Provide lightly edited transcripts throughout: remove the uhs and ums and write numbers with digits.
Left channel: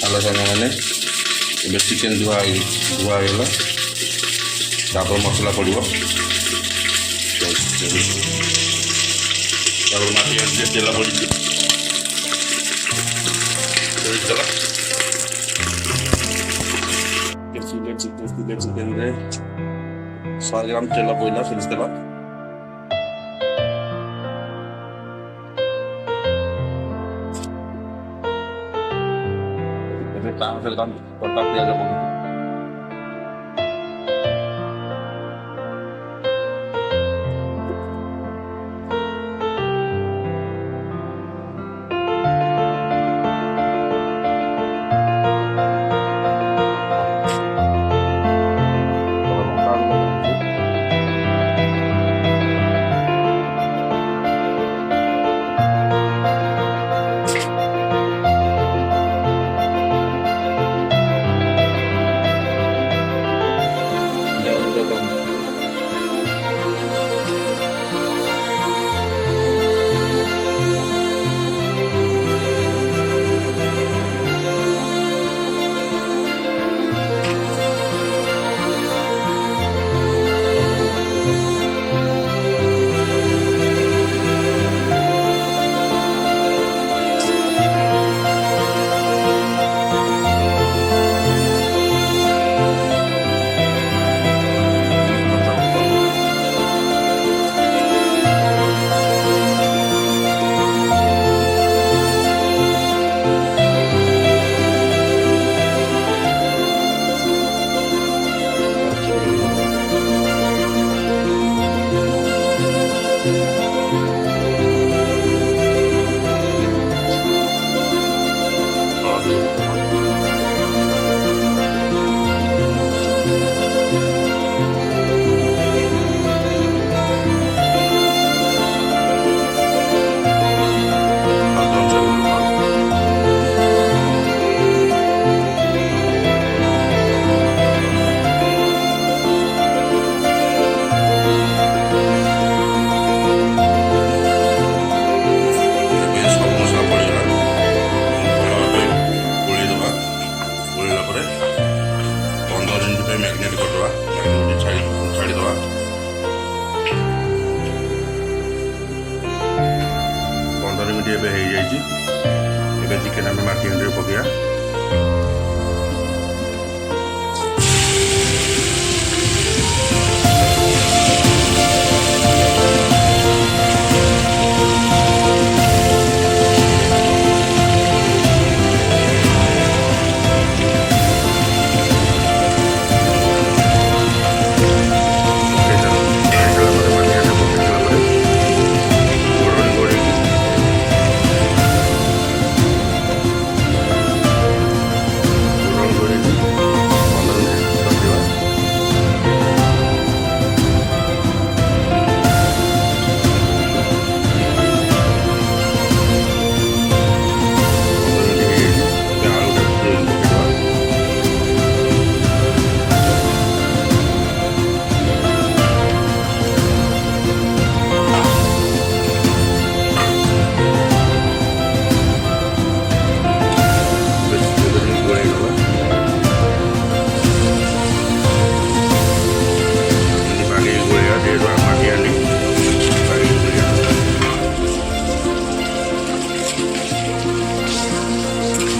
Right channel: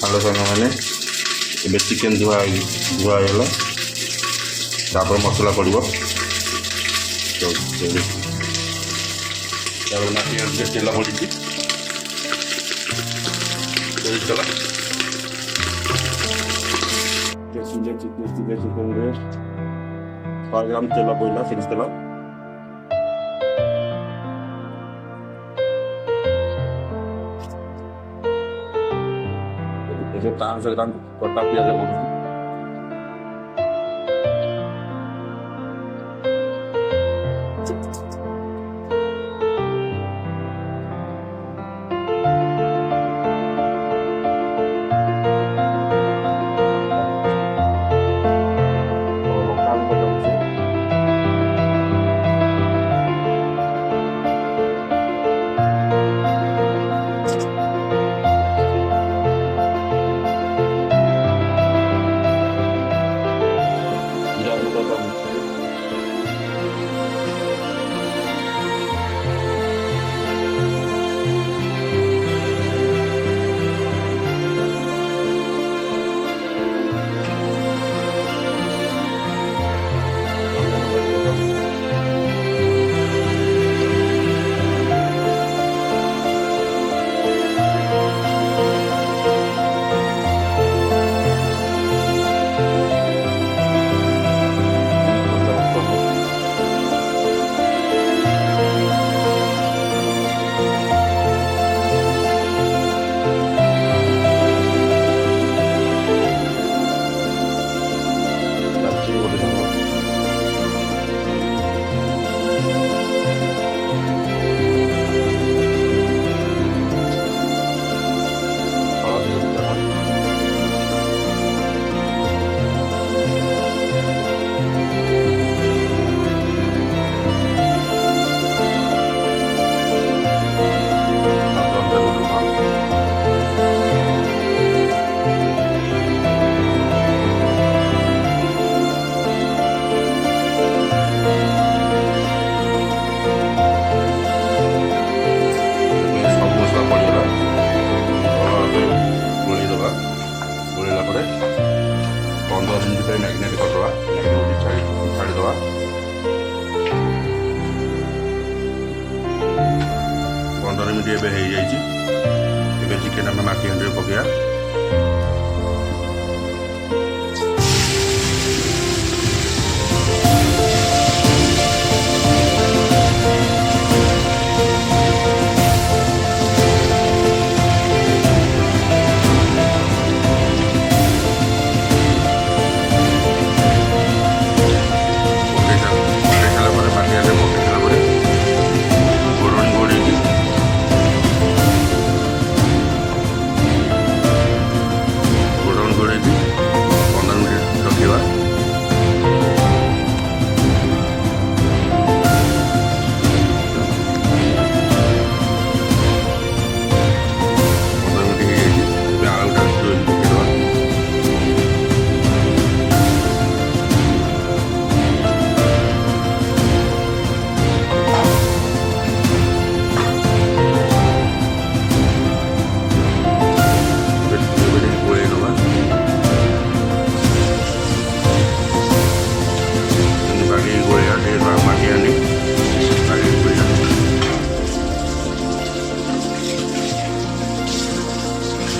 Hello सांग मैंने ये चिकेन धुआ धुआगला तापर मसला पड़ो तेल पड़ी चला चिकेन 100 ग्राम तेल पड़ा फेरी देला ଏବେ 500 ଗ୍ରାମ କଟା ପିଆଜ ପଡୁଛି ଲଙ୍କା ବି ପକାଉଛି जाऊंगा तो सब मसला पड़गला भल भाव गोल दबा गोलला 15 मिनट मैरिनेट करदे मैरिनेट छाड़ीदे 15 मिनट एवं चिकेन आम माटी हांडी पकड़ा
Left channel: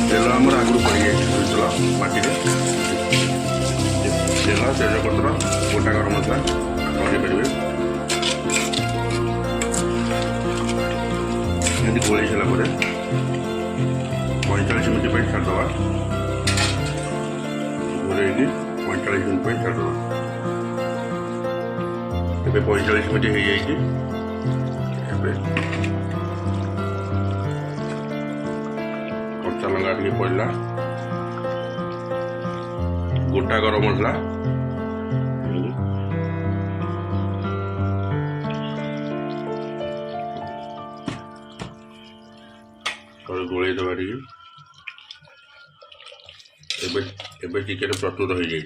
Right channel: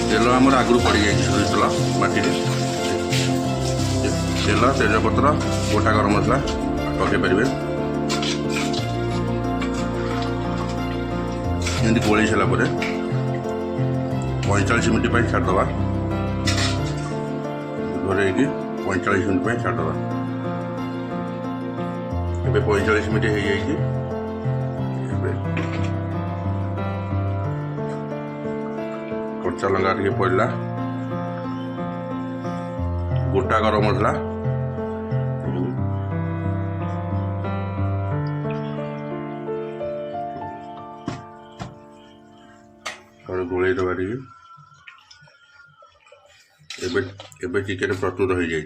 तेल आमर आगु पड़ जाइए माटी तेल तेजपत्र गोटा गरम मसला पकई पारे एमती गोल सारापर 45 मिनट छाड़दे घोल 45 मिनट छाड़दे ए 45 मिनट हो जाइए कच्चा लंका टे पड़ा गोटा गरम मसला गोल दबा टे चिकेन प्रस्तुत हो जाए।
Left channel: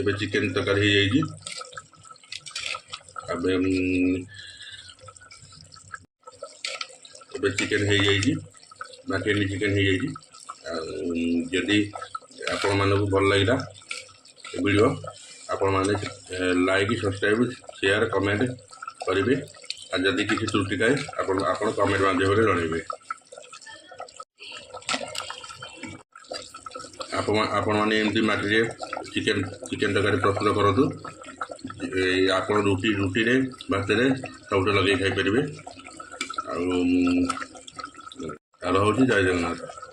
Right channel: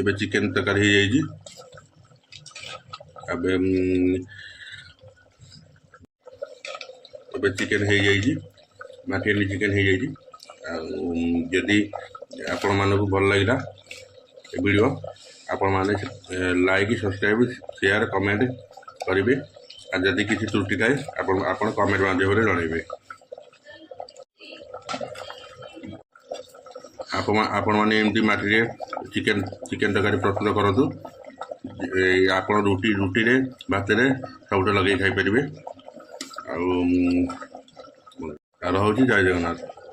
ଏବେ ଚିକେନ୍ ତରକାରୀ ହେଇଯାଇଛି। ଏବେ ଚିକେନ୍ ହେଇଯାଇଛି, ମାଟିହାଣ୍ଡି ଚିକେନ୍ ହେଇଯାଇଛି। ଆଉ ଯଦି ଆପଣମାନଙ୍କୁ ଭଲ ଲାଗିଲା ଏ ଭିଡ଼ିଓ, ଆପଣମାନେ ଲାଇକ୍, ସବସ୍କ୍ରାଇବ୍, ସେୟାର, କମେଣ୍ଟ କରିବେ। ଆଉ ଯଦି କିଛି ତ୍ରୁଟି ଥାଏ ଆପଣ କମେଣ୍ଟ ମାଧ୍ୟମରେ ଜଣାଇବେ। ଆପଣମାନେ ଏମିତି ମାଟିରେ ଚିକେନ୍ ତରକାରୀ ପ୍ରସ୍ତୁତ କରନ୍ତୁ। ଆପଣ ରୁଟିରେ, ଭାତରେ ସବୁଠି ଲଗେଇ ଖାଇପାରିବେ। ଆଉ ରହୁଛି, ଜୟ ଜଗନ୍ନାଥ।